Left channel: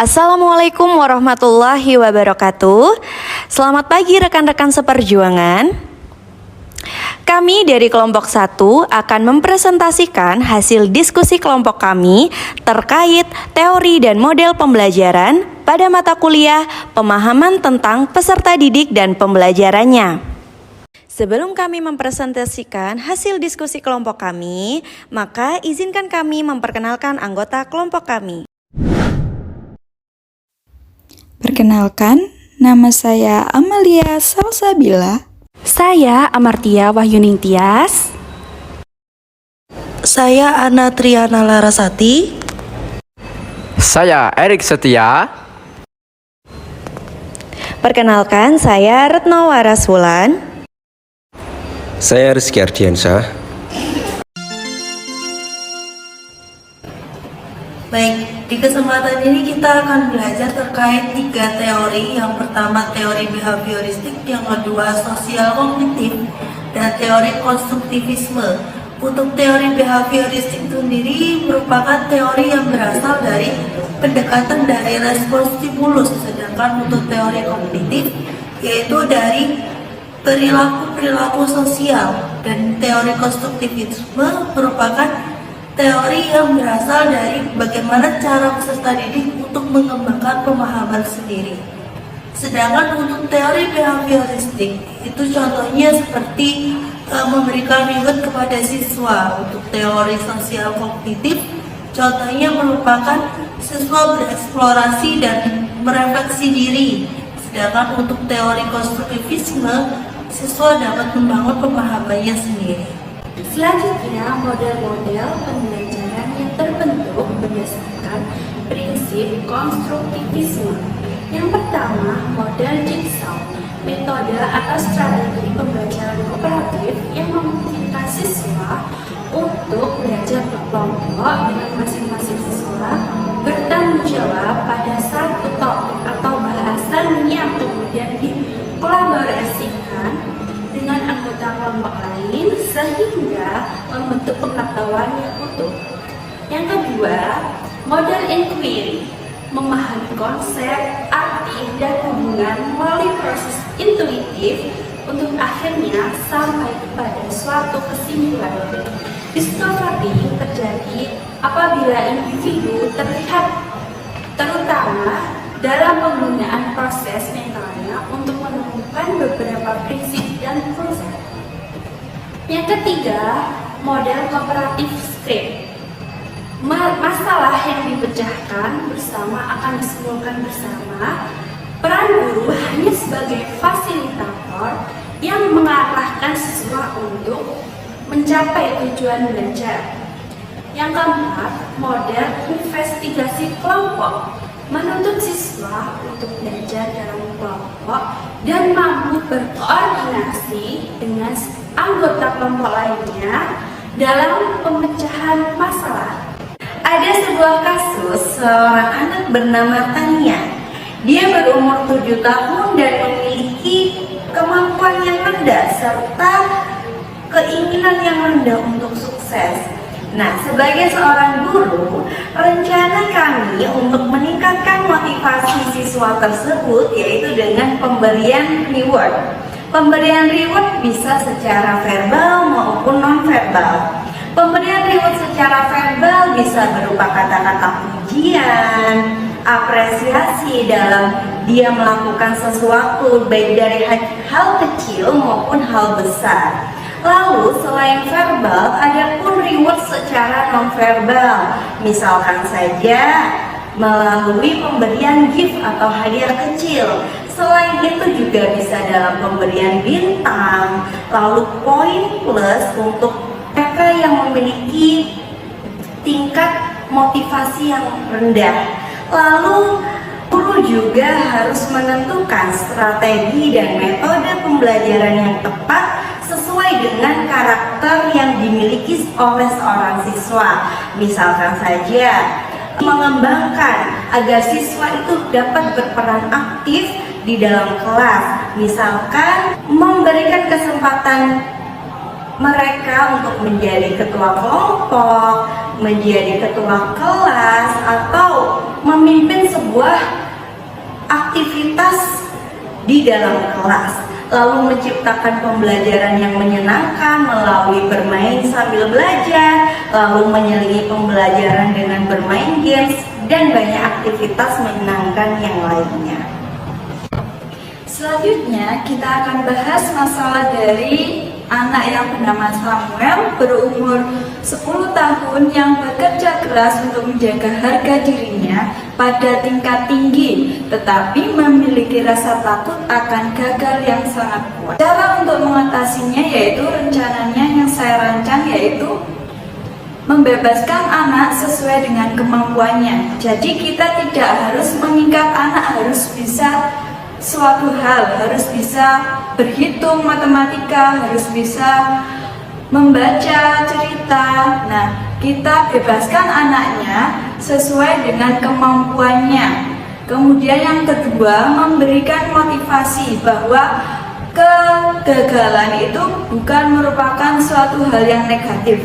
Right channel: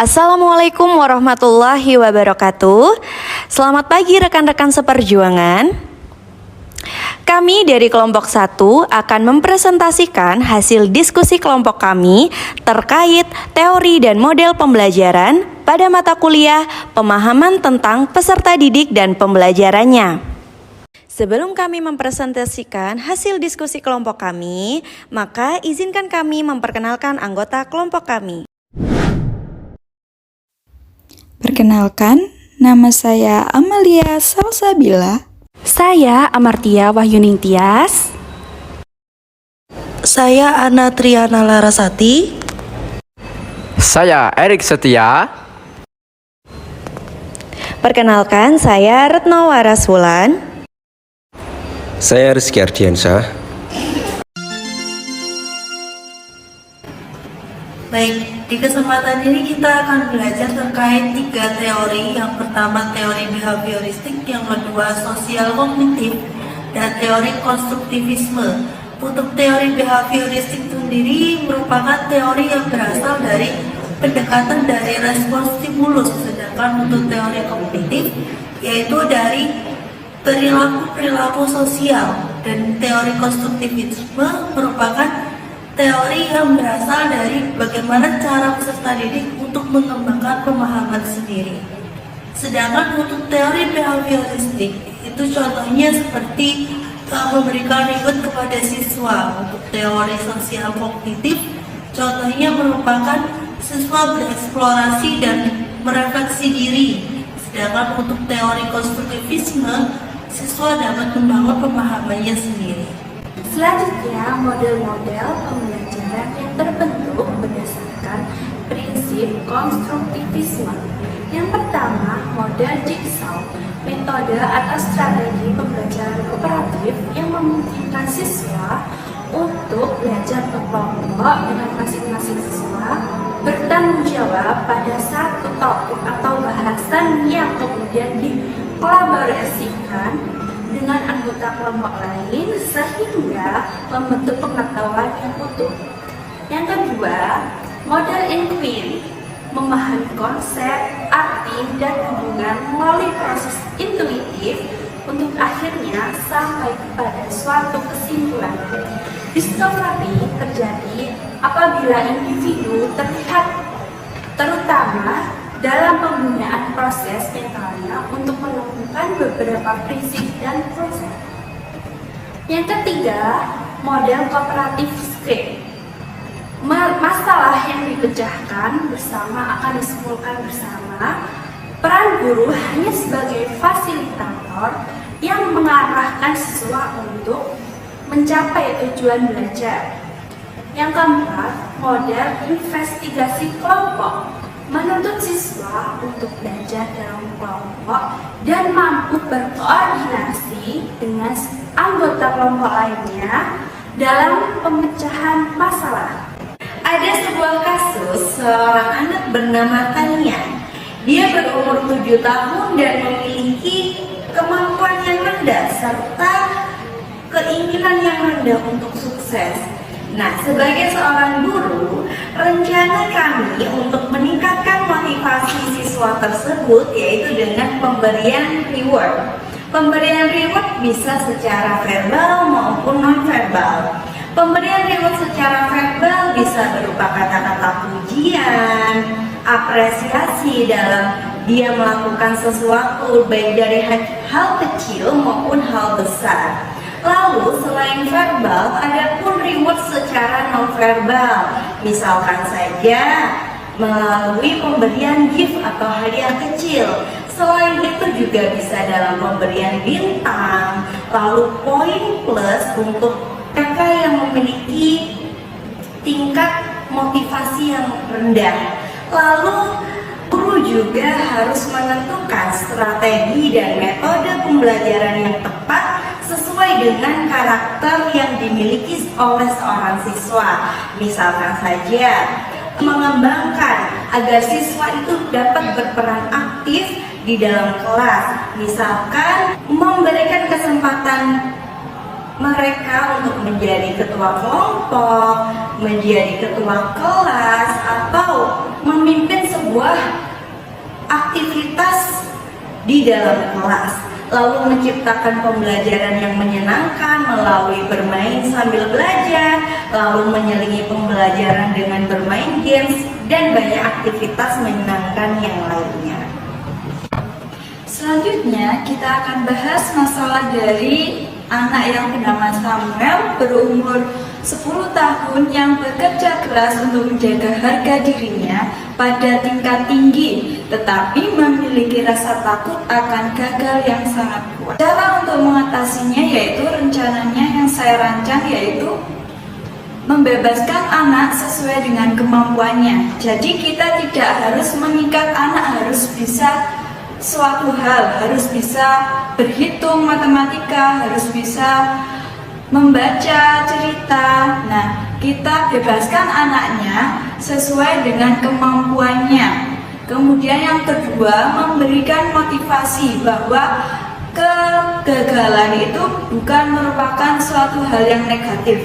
Assalamualaikum warahmatullahi wabarakatuh. Selamat pagi rekan-rekan seperjuangan. Kami dari kelompok 1 akan mempresentasikan hasil diskusi kelompok kami terkait teori dan model pembelajaran pada mata kuliah pemahaman tentang peserta didik dan pembelajarannya. Sebelum kami mempresentasikan hasil diskusi kelompok kami, maka izinkan kami memperkenalkan anggota kelompok kami. Perkenalkan, nama saya Amalia Salsabila. Saya Amartia Wahyuning Tias. Saya Ana Triana Larasati. Saya Erik Setia. Perkenalkan, saya Retno Waraswulan. Saya Rizky Ardiansyah. Baik, di kesempatan ini kita akan belajar terkait 3 teori. Yang pertama teori behavioristik, yang kedua sosial kognitif, dan teori konstruktivisme. Untuk teori behavioristik sendiri merupakan teori yang berasal dari pendekatan dari respons stimulus, sedangkan untuk teori kognitif yaitu dari perilaku-perilaku sosial, dan teori konstruktivisme merupakan teori yang berasal dari bagaimana cara peserta didik untuk mengembangkan pemahaman sendiri. Sedangkan untuk teori behavioristik itu contohnya seperti memberikan reward kepada siswa. Untuk teori sosial kognitif contohnya merupakan siswa bereksplorasi dan merefleksi diri. Sedangkan untuk teori konstruktivisme siswa dapat membangun pemahamannya sendiri. Selanjutnya, model-model pembelajaran yang terbentuk berdasarkan prinsip konstruktivisme. Yang pertama, model jigsaw, metode atau strategi pembelajaran kooperatif yang memungkinkan siswa untuk belajar berkelompok dengan masing-masing siswa bertanggung jawab pada satu topik atau bahasan yang kemudian dikolaborasikan dengan anggota kelompok lain sehingga membentuk pengetahuan yang utuh. Yang kedua, model inquiry, memahami konsep, arti, dan hubungan melalui proses intuitif untuk akhirnya sampai pada suatu kesimpulan. Discovery terjadi apabila individu terlihat terutama dalam penggunaan proses mentalnya untuk menemukan beberapa prinsip dan proses. Yang ketiga, model kooperatif script. Masalah yang dipecahkan bersama akan disimpulkan bersama. Peran guru hanya sebagai fasilitator yang mengarahkan siswa untuk mencapai tujuan belajar. Yang keempat, model investigasi kelompok, menuntut siswa untuk belajar dalam kelompok dan mampu berkoordinasi dengan anggota kelompok lainnya dalam pemecahan masalah. Ada sebuah kasus seorang anak bernama Tania. Dia berumur 7 tahun dan memiliki kemampuan yang rendah serta keinginan yang rendah untuk sukses. Nah, sebagai seorang guru, rencana kami untuk meningkatkan motivasi siswa tersebut yaitu dengan pemberian reward. Pemberian reward bisa secara verbal maupun non-verbal. Pemberian reward secara verbal bisa berupa kata-kata pujian, apresiasi dalam dia melakukan sesuatu baik dari hal kecil maupun hal besar. Lalu selain verbal, ada pun reward secara non-verbal. Misalkan saja melalui pemberian gift atau hadiah kecil. Selain itu juga bisa dalam pemberian bintang, lalu poin plus untuk mereka yang memiliki tingkat motivasi yang rendah. Lalu guru juga harus menentukan strategi dan metode pembelajaran yang tepat sesuai dengan karakter yang dimiliki oleh seorang siswa. Misalkan saja mengembangkan agar siswa itu dapat berperan aktif di dalam kelas. Misalkan memberikan kesempatan mereka untuk menjadi ketua kelompok, menjadi ketua kelas, atau memimpin sebuah aktivitas di dalam kelas, lalu menciptakan pembelajaran yang menyenangkan melalui bermain sambil belajar, lalu menyelingi pembelajaran dengan bermain games, dan banyak aktivitas menyenangkan yang lainnya. Selanjutnya kita akan bahas masalah dari anak yang bernama Samuel berumur 10 tahun yang bekerja keras untuk menjaga harga dirinya pada tingkat tinggi, tetapi memiliki rasa takut akan gagal yang sangat kuat. Cara untuk mengatasinya yaitu rencananya yang saya rancang, yaitu membebaskan anak sesuai dengan kemampuannya. Jadi kita tidak harus mengikat anak harus bisa suatu hal, harus bisa berhitung matematika, harus bisa membaca cerita. Nah, kita bebaskan anaknya sesuai dengan kemampuannya. Kemudian yang kedua, memberikan motivasi bahwa kegagalan itu bukan merupakan suatu hal yang negatif.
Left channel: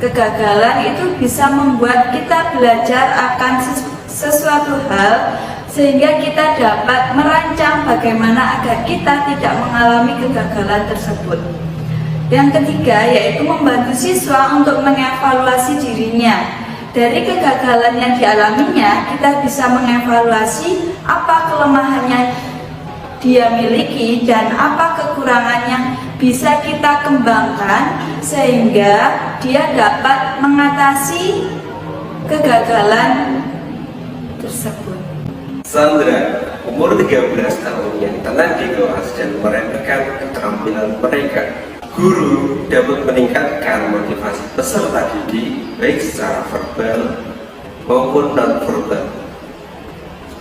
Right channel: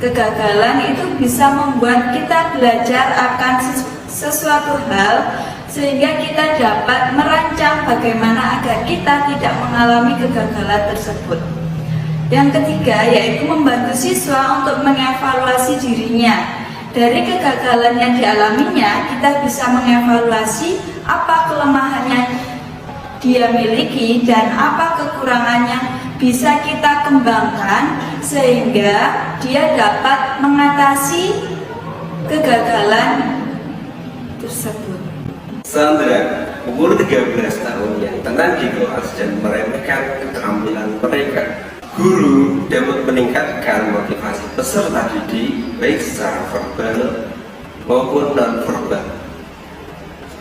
Kegagalan itu bisa membuat kita belajar akan sesuatu hal, sehingga kita dapat merancang bagaimana agar kita tidak mengalami kegagalan tersebut. Yang ketiga yaitu membantu siswa untuk mengevaluasi dirinya. Dari kegagalan yang dialaminya, kita bisa mengevaluasi apa kelemahannya dia miliki dan apa kekurangannya bisa kita kembangkan sehingga dia dapat mengatasi kegagalan tersebut. Sandra, umur 13 tahun yang tenang di kelas dan meremehkan keterampilan mereka. Guru dapat meningkatkan motivasi peserta didik baik secara verbal maupun non-verbal.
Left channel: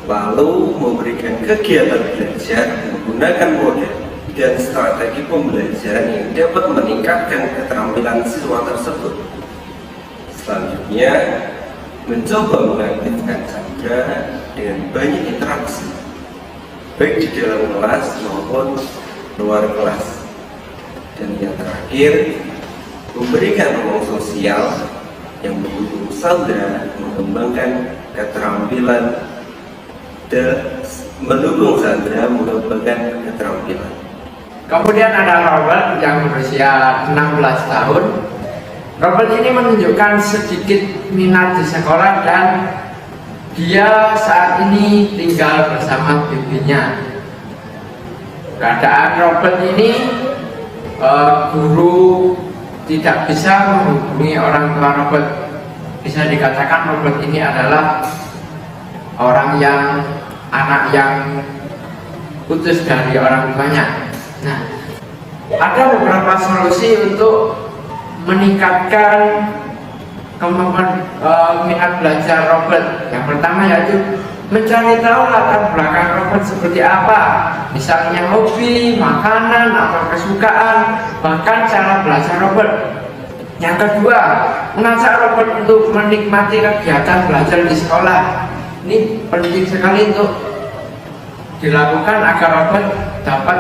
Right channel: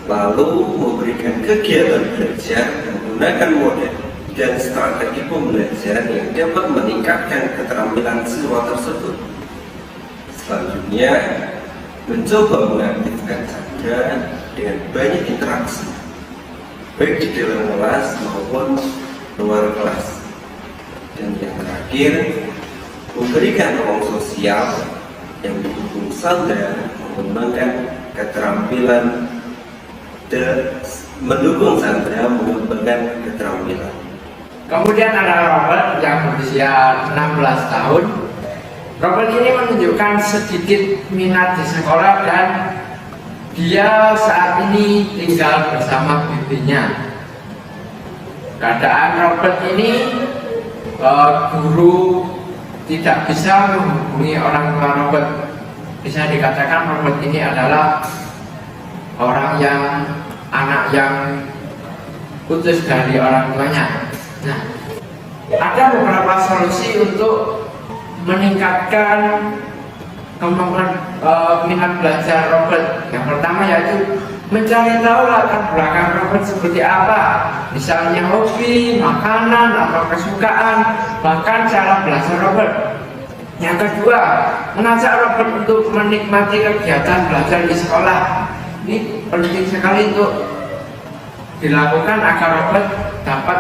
Lalu memberikan kegiatan belajar menggunakan model dan strategi pembelajaran yang dapat meningkatkan keterampilan siswa tersebut. Selanjutnya, mencoba mengaktifkan Sandra dengan banyak interaksi, baik di dalam kelas maupun luar kelas. Dan yang terakhir, memberikan ruang sosial yang mendukung Sandra mengembangkan keterampilan dan mendukung Sandra mengembangkan keterampilan. Kemudian ada Robert yang berusia 16 tahun. Robert ini menunjukkan sedikit minat di sekolah dan dia saat ini tinggal bersama bibinya. Keadaan Robert ini guru tidak bisa menghubungi orang tua Robert. Bisa dikatakan Robert ini adalah anak yang putus dari orang tuanya. Nah, ada beberapa solusi untuk meningkatkan kemampuan minat belajar Robert. Yang pertama yaitu mencari tahu latar belakang Robert seperti apa, misalnya hobi, makanan, atau kesukaan, bahkan cara belajar Robert. Yang kedua, mengajak Robert untuk menikmati kegiatan belajar di sekolah. Ini penting sekali untuk dilakukan agar Robert dapat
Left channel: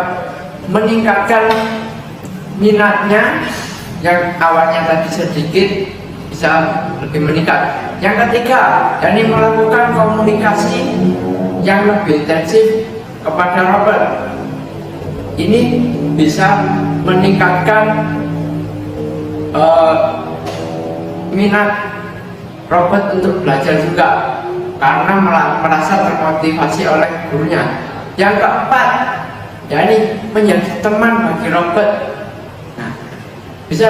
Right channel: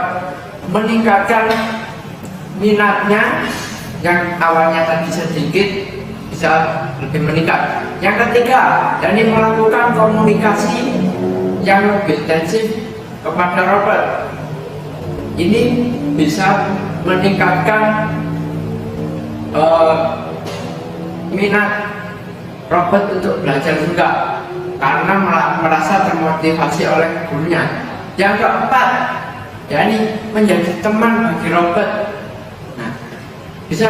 meningkatkan minatnya yang awalnya tadi sedikit bisa lebih meningkat. Yang ketiga, yakni melakukan komunikasi yang lebih intensif kepada Robert. Ini bisa meningkatkan minat Robert untuk belajar juga karena merasa termotivasi oleh gurunya. Yang keempat, yakni menjadi teman bagi Robert. Nah, bisa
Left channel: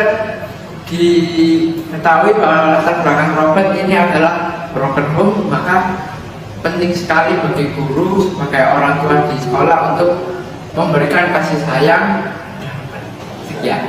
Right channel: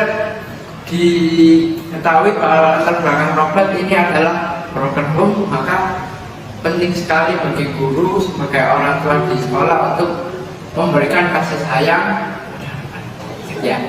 diketahui bahwa latar belakang Robert ini adalah broken home, maka penting sekali bagi guru sebagai orang tua di sekolah untuk memberikan kasih sayang. Ya.